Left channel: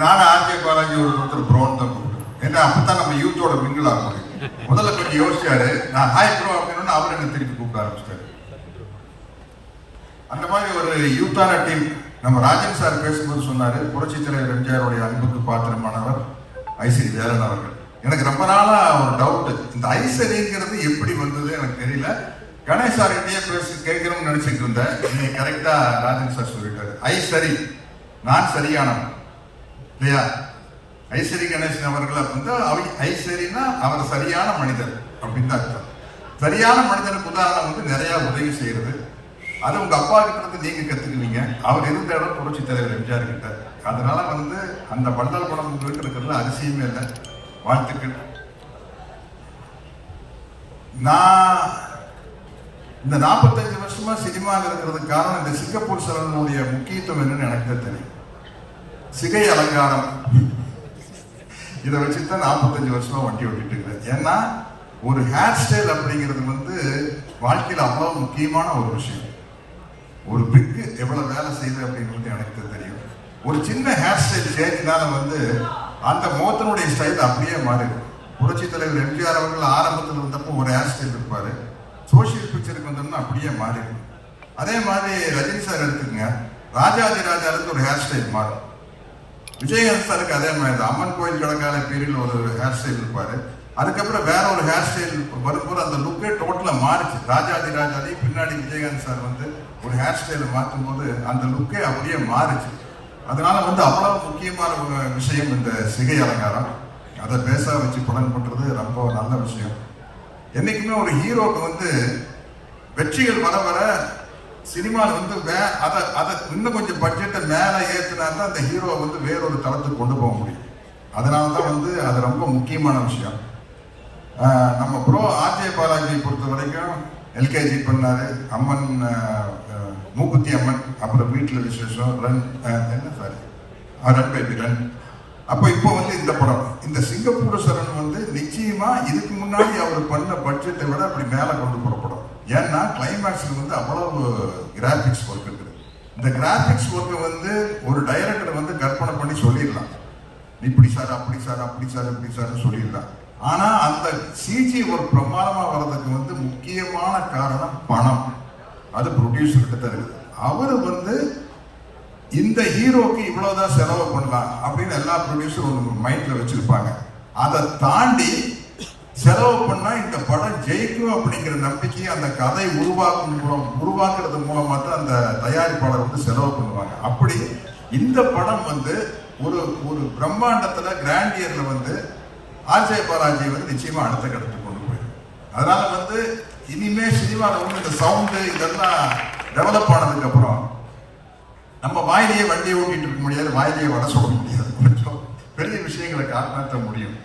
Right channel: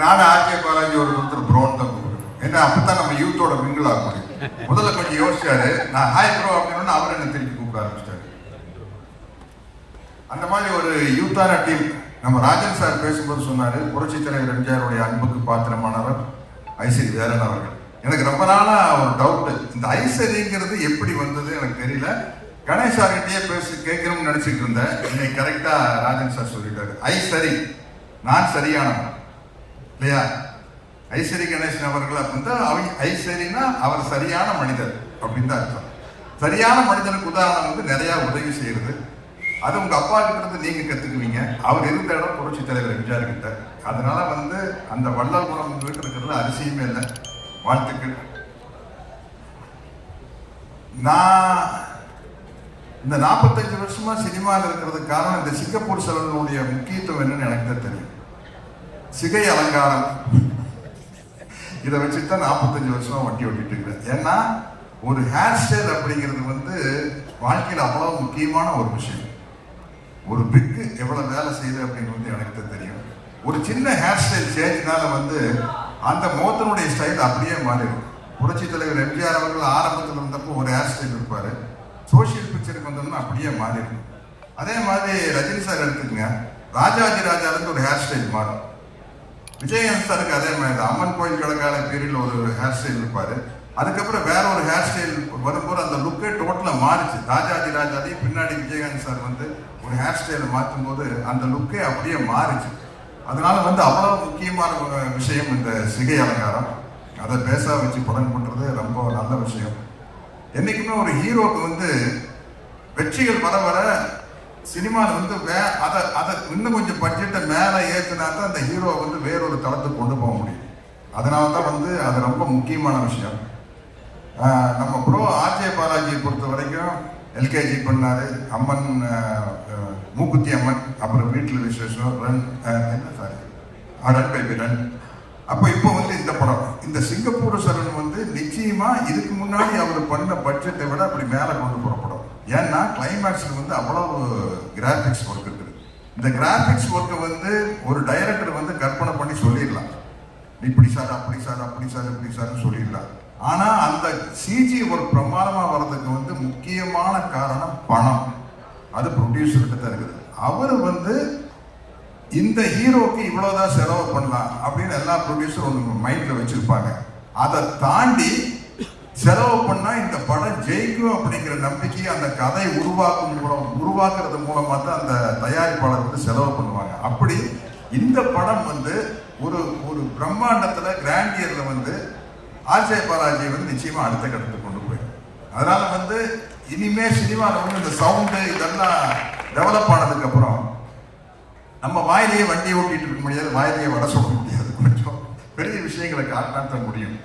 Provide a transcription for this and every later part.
நானும் ஆர்கே பாலாஜி ஒரு ஒருத்தர் ப்ரோன் தான் கூப்பிடுவேன் ஏன்னா அப்பதான் நம்ம யூத்தோட மிங்கிள் ஆக முடியும் முதல்ல கொஞ்சம் யோசிச்சாரு. நான் ஹாய் ப்ரோ அப்படின்னு அவர் என்ன திருப்பி கூப்பிட ஆரம்பிச்சிட்டாரு. அந்த மாதிரி ஒரு யூத்தான டீம் நம்ம ராஜன் சார் பேசும்போது சொன்னாரு புரட்சி தலைவர் எம்ஜிஆருடைய அன்புக்கு பாத்திரமானவர் ஐசரி வேலன் அவர்கள். எனக்கு ரொம்ப நாளா ஒரு டவுட் இந்த ஐசரிங்கிறது எப்படி வந்தது எனக்கு தெரியல. கணேஷ் சார்கிட்டயே பேசி கேட்கணும்னு நினைச்சிட்டு இருந்தேன். இன்னைக்கு கரெக்டா ராஜன் சார் சொல்லிட்டாரு. ஐ சரி நான் சரியானவன். இல்லையா? ஐஸ்வரி கணேசன் அவர்கள் வந்து அவ- ஐஸ்வரினா அவர் சரியான மனிதர் அப்படின்னு தான் அர்த்தம். சரியான மனிதனுக்கு உதாரணம் வந்து நிறையா உதவி செய்யறது. அது உங்க அப்பா கிட்ட இருந்து நீங்க கத்துக்குவீங்க. அவர் இருந்த இடம் புரட்சி தலைவர் எம்ஜிஆர் கிட்ட. அதனால வந்து அந்த வள்ளல் குணம் உங்களுக்கு அதிசயமே இல்லை. வாழ்த்துக்கள். நான் இந்த நாற்பத்தஞ்சு வருஷமா சினிமாவில் இருக்கிறதுக்கு காரணம் இந்த சிங்கப்பூர் செலவனுடைய முக்கியத்துவம் என்னன்னு எனக்கு தெரியும். சிகை அலங்காரம். இதை வச்சு தான் நாற்பத்தஞ்சு வருஷமா வண்டி ஓட்டிட்டு இருக்கிறேன். ஏன்னா ஒரு ஹேர் ஸ்டைல் அப்படிங்கிறது வந்து வாழ்க்கையில் அவ்வளவு முக்கியமான ஒரு விஷயம். ஒரு பிக்கு எவ்வளவு வேலை செய்யுது அப்படிங்கிறது எனக்கு தெரியும். ஒரு சின்ன ஹேர் ஸ்டைல் சேஞ்சினால வந்து அந்த முகத்தினுடைய ஸ்டைல் அப்படியே மாறிடும். புரட்சி தலைவர் எம்ஜிஆர் அவர்கள் ஆரம்பத்தில் வந்தப்போ ஒரு ஹேர் ஸ்டைல் இருப்பார். சோஷியல் பிக்சருக்கு வந்தோம்னா அப்படியே மாறிடும். அதே மாதிரி ரஜினி சார் எடுத்துக்கங்க ராஜாஜி ராஜாவுக்கு ஒரு ஹேர் ஸ்டைல் மாறும். விஜயகாந்த் சாருக்கு அதே மாதிரி தான் அம்மன் கோயில் கிழக்கால பீரியட்ல ஒரு ஹேர் ஸ்டைல் இருப்பாரு. அதுக்கப்புறம் வேற ஒரு ஹேர் ஸ்டைல் வரும்போது அந்த லுக்கே டோட்டலா மாறுச்சு. ராஜாதி ராஜாதி பின்னாடி விஜயகாந்த் சார் வந்து ஒரு ஹேர் ஸ்டைல் மாற்றும் போது அந்த லுக்கே அப்படியே மாறுச்சு. அதனால வந்து அவ்வளவு முக்கியமான ஒரு விஷயம் இந்த சிகை அலங்காரம். அதை பேச வச்சு படம் பண்றது ரொம்ப நல்ல விஷயம். என்னைக்குமே ஒரு ஹீரோக்கு வந்து வெற்றிகள் வர வர சினிமாவில் வந்து மே அதை அதை இன்னும் கொஞ்சம் பட்ஜெட்டை மேலே ஏற்றினா தான் அந்த ஹீரோ வந்து வேறொரு தளத்துக்கு கொண்டு போக முடியும். அதனால தான் வந்து அது ரொம்ப முக்கியமான விஷயம். நம்ம ப்ரோ ஆர்ஜே பாலாஜியை பொறுத்த வரைக்கும் எல்கேஜி பண்ணார் அம்மன் மூக்குத்தி அம்மன் அப்புறம் வீட்டில் விசேஷம் ரன் என்ன சார் ரன் பேபி ரன் அப்போ இப்போ வந்து இந்த படம் இந்த சிங்கப்பூர் சரண் வந்து நிச்சயமாக இதுக்கு முன்னாடி அவர் பண்ண பட்ஜெட்டை விட அப்படி மேலே கொண்டு போகிறோம் ஏன்னா கிளைமேக்ஸ்க்கு வந்து அவ்வளவு கிராஃபிக்ஸ் ஒர்க் இருக்குது இந்த கிராஃபிக்ஸ் ஒர்க்கை வந்து ஒரு டைரக்டர் வந்து கற்பனை பண்ணி சொல்லிடலாம். இப்படி சார் அப்படி சார் அப்படி சார் இப்படி சார் சொல்லிடலாம். ஆனால் அந்த சிஜி ஒரு பிரமாணமாக வர்றதுக்கு வந்து முக்கியமான காரணம் பணம். அது ப்ரொடியூசர்கிட்ட தான் இருக்குது அவர் வந்து இந்த ஹீரோக்கு இவ்வளோதான் செலவு பண்ணலாம் அப்படின்னு எல்லா ப்ரொடியூசரும் ஒன்று மைண்டில் வச்சுருப்பாங்க. அதை தாண்டி செலவு பண்ணா இந்த படம் ஜெயிக்கும் அப்படிங்கிற நம்பிக்கை அந்த கதை உருவாக்கும் மூலம் உருவாக்குறது மூலமா தான் அந்த தயாரிப்பாளர் வந்து செலவு பண்ணுவாங்க. அப்படி இந்த படம் வந்து ஒரு ஒரு பிரம்மாண்டத்துல கிராண்டியர்ல வந்து ஆச்சய பாலாஜி வந்து நிச்சயமா அடுத்த கட்டத்துக்கு கொண்டு போயிடும். அதனால வந்து இனிமே சினிமாவில் வந்து இந்த சவுண்டு இதெல்லாம் டெவலப் ஆனதுக்கு அப்புறம் நம்ம வாயிலேயே வண்டியை ஓட்டிட்டு இருக்க முடியாது வாயிலேயே வட சொல்ல முடியாது. கொஞ்சம் பெரிய விஷயங்களை காரணத்த முடியும்.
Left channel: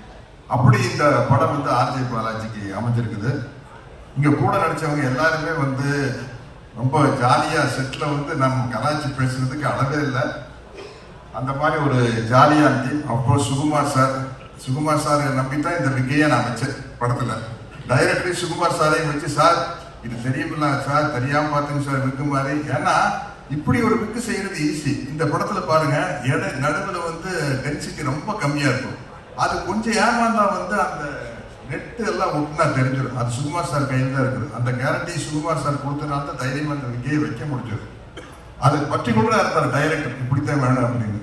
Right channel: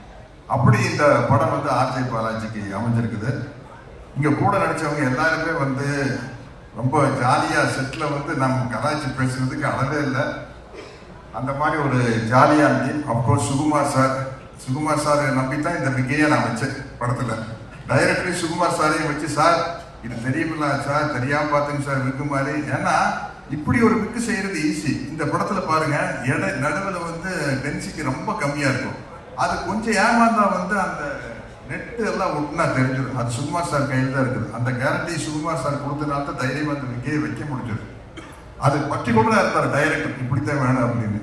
அப்படி இந்த படம் வந்து ஆர்ஜே பாலாஜிக்கு அமைஞ்சிருக்குது. இங்க கூட நடிச்சவங்க எல்லாருமே வந்து ரொம்ப ஜாலியா செட்ல வந்து நம்ம கலாச்சி பேசுறதுக்கு அளவே இல்லை. அந்த மாதிரி ஒரு ஜாலியான team of course Sukumar sir Sukumar சாரை நம்பி தான் இந்த விக்கையை நான் வச்சேன் படத்துல. டைரக்டர் சுகுமார் சாரையும் வச்சு சார் இது தெரியுமில்ல சார் தெரியாம பார்த்தீங்க சார் இருக்கு மாதிரி. ஏன்னா இப்படி ஒரு புக்கு செய்யறது ஈஸி இந்த படத்துல பாருங்க எடை நடுவில் வந்து டென்சிட்டி ரொம்ப கம்மியா இருக்கும். அது கொஞ்சம் ஏமாந்தா வந்து அந்த நெட் எல்லாம் ஒட்டுனா தெரிஞ்சிடும் அது சுகுமார் சார் கையில் தான் இருக்குது. அந்த கேரண்டி சுகுமார் சார் கொடுத்தனால தான் தைரியம் அந்த இங்கேயே வைக்க முடிஞ்சது. அது பர்டிகுலரா இருந்தார் டைரக்டர் இப்படித்தான் வேணும் அப்படின்னு.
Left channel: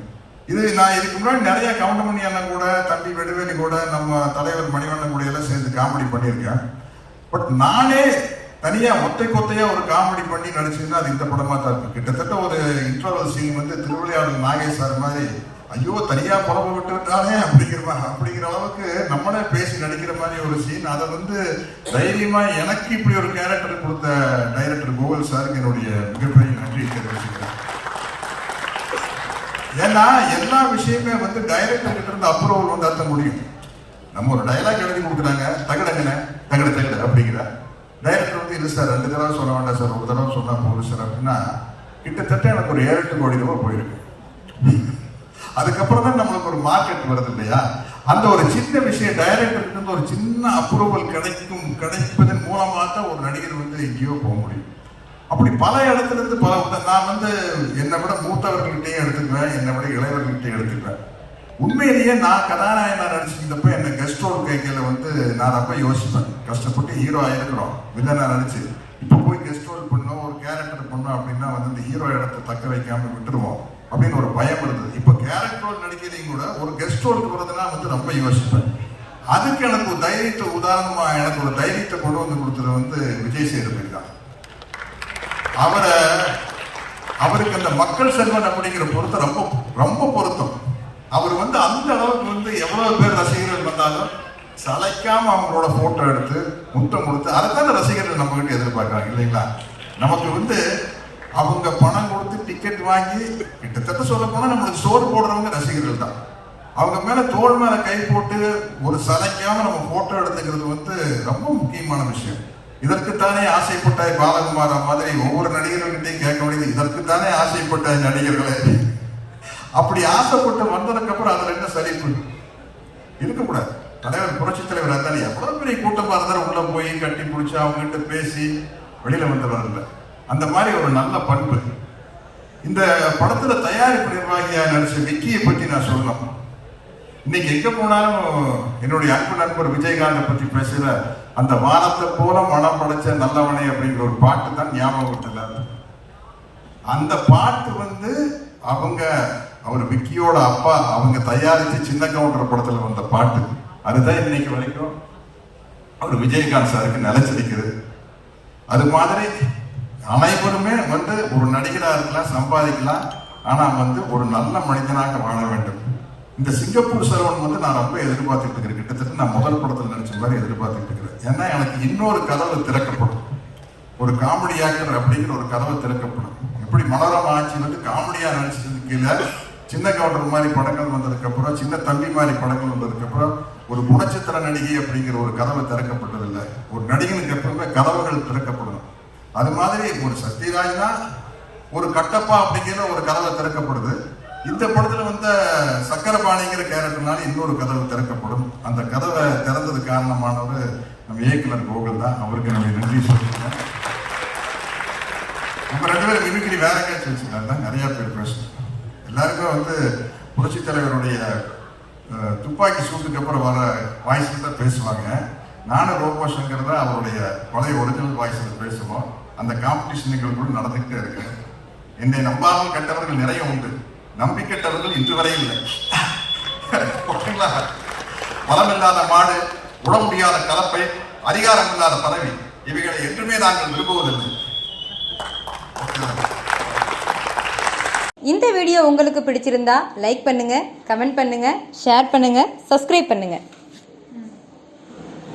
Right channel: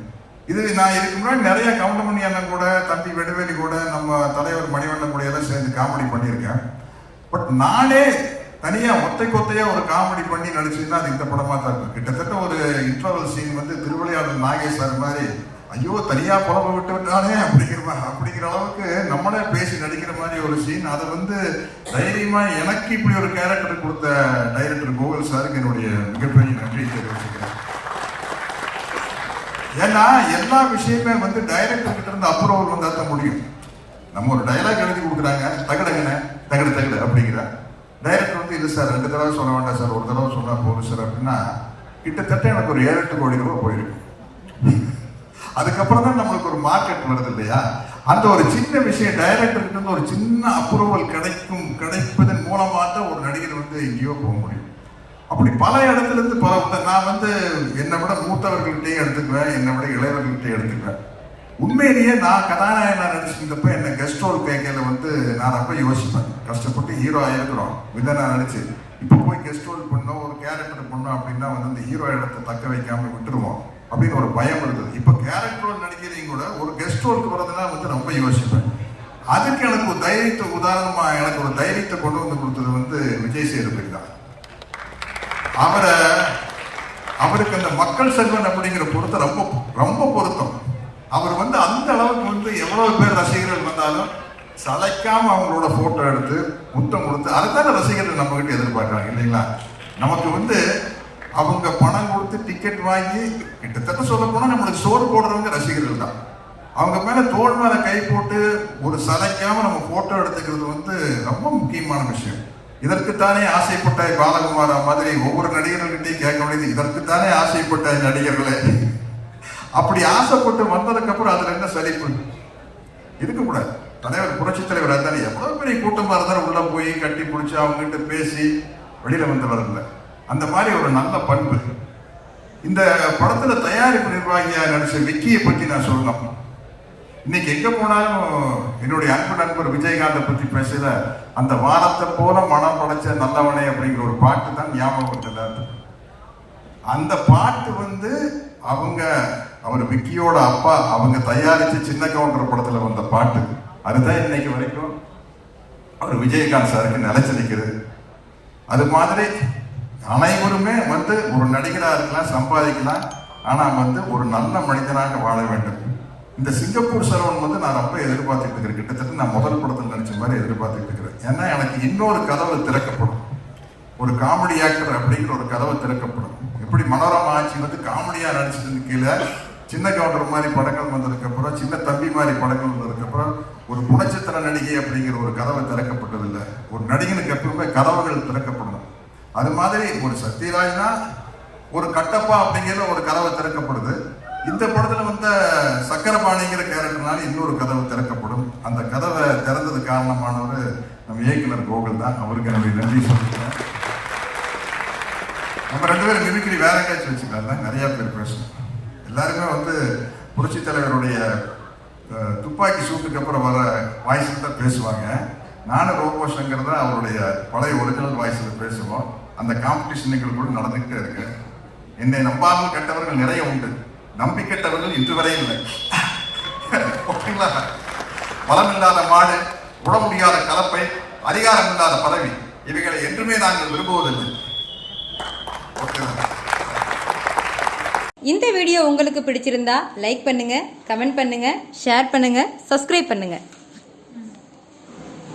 இது நான் இதுக்கு முன்னாடி நிறைய கவுண்டமணி அண்ணன் கூட தம்பி வெடுவேலி கூட நம்ம தலைவர் மணிவண்ணன் கூட எல்லாம் சேர்ந்து காமெடி பண்ணியிருக்கேன். பட் நானே தனியா ஒத்தை கொத்தையா ஒரு காமெடி பண்ணி நடிச்சுன்னா அது இந்த படமா தான் இருக்கும் கிட்டத்தட்ட ஒரு இன்டர்வல் சீன் வந்து திருவிளையாடல் நாகேஷ் சார் மாதிரி ஐயோ தனியா புறம்ப விட்டு விட்டானே அப்படிங்கிற அப்படிங்கிற அளவுக்கு நம்மளே பேசி நடிக்கிற மாதிரி ஒரு சீன் அதை வந்து தைரியமா எனக்கு இப்படி ஒரு கேரக்டர் கொடுத்த டைரக்டர் கோவில் சாருக்கு என்னுடைய மிகப்பெரிய நன்றி தெரிவிச்சுக்கிறேன். ஏன்னா எல்லா விஷயமே வந்து டைரக்டர் கிட்ட இருந்து அப்ரூவல் வந்தா தான் முடியும். நம்ம ஒரு டைலாக் எழுதி கொடுக்குறாங்க தகடங்கண்ணே தகடு தகடு அப்படிங்கிறா. டைரக்டர் வந்து இல்லை சார் ரெண்டு தடவை சொல்ல வேண்டாம் சார் ஒரு தடவை சொன்னா போதும் சார் அப்படின்னா கிட்டத்தட்ட எனக்கு ஒரு ஏழு எட்டு கோடி ரூபாய் போயிடும். அதுக்கப்புறம் தான் நம்மளுக்கு ஒரு மார்க்கெட் வருது இல்லையா? அந்த ஒரு சின்ன விஷயம் டைரக்டருக்கு வந்து ஒரு சின்ன அப்ரூவல் கிடைக்கும் கிடைப்பதன் மூலமாக தான் ஒரு நடிகர் வந்து எங்கேயோ போக முடியும். அப்படி பல இடத்துல இருந்து பல நான் வந்து என்னை விட மூத்தவர்கள்ட்டே எடுத்துக்குவேன் என்னை விட இளையவர்கள்ட்டையும் எடுத்துக்குவேன். உண்மையிலேயே நான் கதாநாயகனாக நடிச்சிருந்தப்ப என்ன கெஸ்ட் ரோல் கேட்கல வந்து நான் அப்ப யோசிப்பேன். கஷ்டப்பட்டு ஹீரோ ஆயிருக்கிறோம் வில்லனாக நடிச்சு. இப்போ போய் கெஸ்ட் ரோல் பண்ணோம் ஒரு கேரக்டர் பண்ணோம் அப்படின்னா வந்து இந்த ஹீரோ இடத்தை தக்க வைக்காமல் விட்டுருவோம். அப்படின்னு ஒரு பயம் இருந்தது. இப்போ கேரக்டர் நடிக்கிறீங்க கூட ஒரு கெஸ்ட் ரோலுக்கு வர்றதுனா வந்து ரொம்ப யோசிப்பேன். அதுக்கு எனக்கு ஒரு தைரியத்தை உதாரணமாக எனக்கு ஒரு தைரியத்தை கொண்டு வந்து கொடுத்தது வந்து விஜய் சேதுபதி தான். அவரை அவருக்கு அந்த மக்கள் செல்வன் அப்படிங்கிற பொருத்தம் ரொம்ப ரொம்ப பொருத்தம். அவர் வந்து அந்த அளவுக்கு வந்து எவ்வளவு பேர் ரசிகர்கள் வந்தாலும் சளைக்காம அவங்களோட போட்டோ எடுத்து முத்தம் கொடுத்து அதைத்தான ரசிகர்கள் நம்ம கிட்ட எதிர்பார்க்கறாங்க இல்லைங்களா? நமக்கு வந்து அவங்க பணம் டிக்கெட் வாங்கி கிட்டத்தட்ட சொல்ல போனா நம்மளுக்கு சோறு போடுறவங்க ரசிகர்கள் தான். அவங்க மேல தோள் மேல கை போட்டு ஒரு சதைக்காமல் நம்ம போட்டோ எடுத்துக்கிறது வந்து ரொம்ப முக்கியமான விஷயம். இதற்குத்தானே ஆசைப்பட்ட பாலகுமாரா மாதிரி ஒவ்வொரு நடிகர்கள்கிட்டையும் கேட்க வேண்டியது இதற்குத்தானே ஆசைப்பட்ட நடிகர்களே. அப்படி ஆசைப்பட்டு வந்ததுக்கு அப்புறம் அதுல என்ன சலிப்பு? இருக்கக்கூடாது. தலைவர் புரட்சி தலைவர் அதான் எவ்வளவு பெரிய கூட்டமா இருந்தாலும் உள்ள போய் கட்டி பிடிச்சி அவங்க கிட்ட பேசி வெளியில வந்து வரல. அந்த மாதிரி ஒரு நல்ல பண்பு. இந்த படத்துல தயாரிப்பு நிர்வாகியா நடிச்ச வெற்றியை பத்தி நான் சொல்லணும். இன்னைக்கு எங்க போனாலும் என்னுடைய அன்பு நண்பர் விஜயகாந்தை பத்தி பேசுற அந்த வானத்தை போல மனம் படைச்ச நல்லவனே அப்படிங்கிற ஒரு பாட்டு தான் ஞாபகம் அந்த பாட்டு வந்து அவங்க அவர் விக்கியோட அப்பா அவங்க தயாரித்து சின்ன கவுண்டர் படத்துல வந்த பாட்டு. அதுதான் இன்னைக்கு வரைக்கும் அவர் விஜயகாந்த் சாருக்கு நிலைச்சிருக்கிறது. அது மாதிரி அனைவருமே வந்து ஒரு நடிகராக இருக்கலாம் சம்பாதிக்கலாம். ஆனால் வந்து ஒரு நல்ல மனிதனாக வாழ வேண்டும். இந்த சிங்கப்பூர் சரவணன் வந்து நான் ரொம்ப எதிர்பார்த்துட்டு இருக்கிறேன். கிட்டத்தட்ட நான் முதல் படத்தில் நினைச்ச மாதிரி எதிர்பார்த்துட்டு இருக்கிறேன். ஏன்னா எனக்கு இன்னொரு கதவு திறக்கப்படும். ஒரு காமெடி ஆக்டர் அப்படிங்கிற ஒரு கதவு திறக்கப்படும். எப்படி மலரம் ஆட்சி வந்து காமெடியாக நடிச்சதுக்கு கீழே சின்ன கவுண்டர் மாதிரி படங்கள் வந்ததுக்கப்புறம் சின்ன தம்பி மாதிரி படங்கள் வந்ததுக்கப்புறம் ஒரு குணச்சித்திர நடிகை அப்படிங்கிற ஒரு கதவு திறக்கப்பட்டதில்லை. ஒரு நடிகனுக்கு எப்பவுமே கதவுகள் திறக்கப்படணும். அது மாதிரி ஒரு சத்யராஜ்னா ஒரு கட்டப்பா அப்படிங்கிற ஒரு கதவை திறக்கப்படுது. இந்த படத்துல வந்த சக்கரபாணிங்கிற கேரக்டர்னால இன்னொரு கதவு திறக்கப்படும். அந்த கதவை திறந்தது காரணமானவர் நம்ம இயக்குனர் கோகுல் தான். அவருக்கு என்னுடைய நன்றி சொல்லியிருக்கேன் நம்ம ரெண்டு பேரும் மிமிக்ரி வேற எங்கேயாச்சும் வச்சுருந்தாங்க நிறைய பேர் பேசணும் எல்லாருமே வந்து புரட்சி தலைவருடைய துப்பாக்கி சூட்டுக்கு அப்புறம் வர வாய்ஸ் தான் பேசுவாங்க. நானும் ரோபோ சங்கர் தான் அவருடைய பழைய ஒரிஜினல் வாய்ஸில் பேசுவோம். அந்த காம்படிஷன் நிகழ்வுகளும் நடந்துகிட்டே இருக்கு. என்னை நம்பாமல் கெட்டவர்கள் நிறைய உண்டு. நம்பி கெட்டவர்கள் இன்று வரை இல்லை. ஓகேங்களா பலம் இல்லாத மாடு உட முடியாத கலப்பை அதிகாரம் இல்லாத பதவி இவைகளை என்றுமே நாங்கள் விரும்புவதில்லை. இந்த வீடியோ உங்களுக்கு பிடிச்சிருந்தா லைக் பண்ணுங்க கமெண்ட் பண்ணுங்க ஷேர் பண்ணுங்க சப்ஸ்கிரைப் பண்ணுங்க.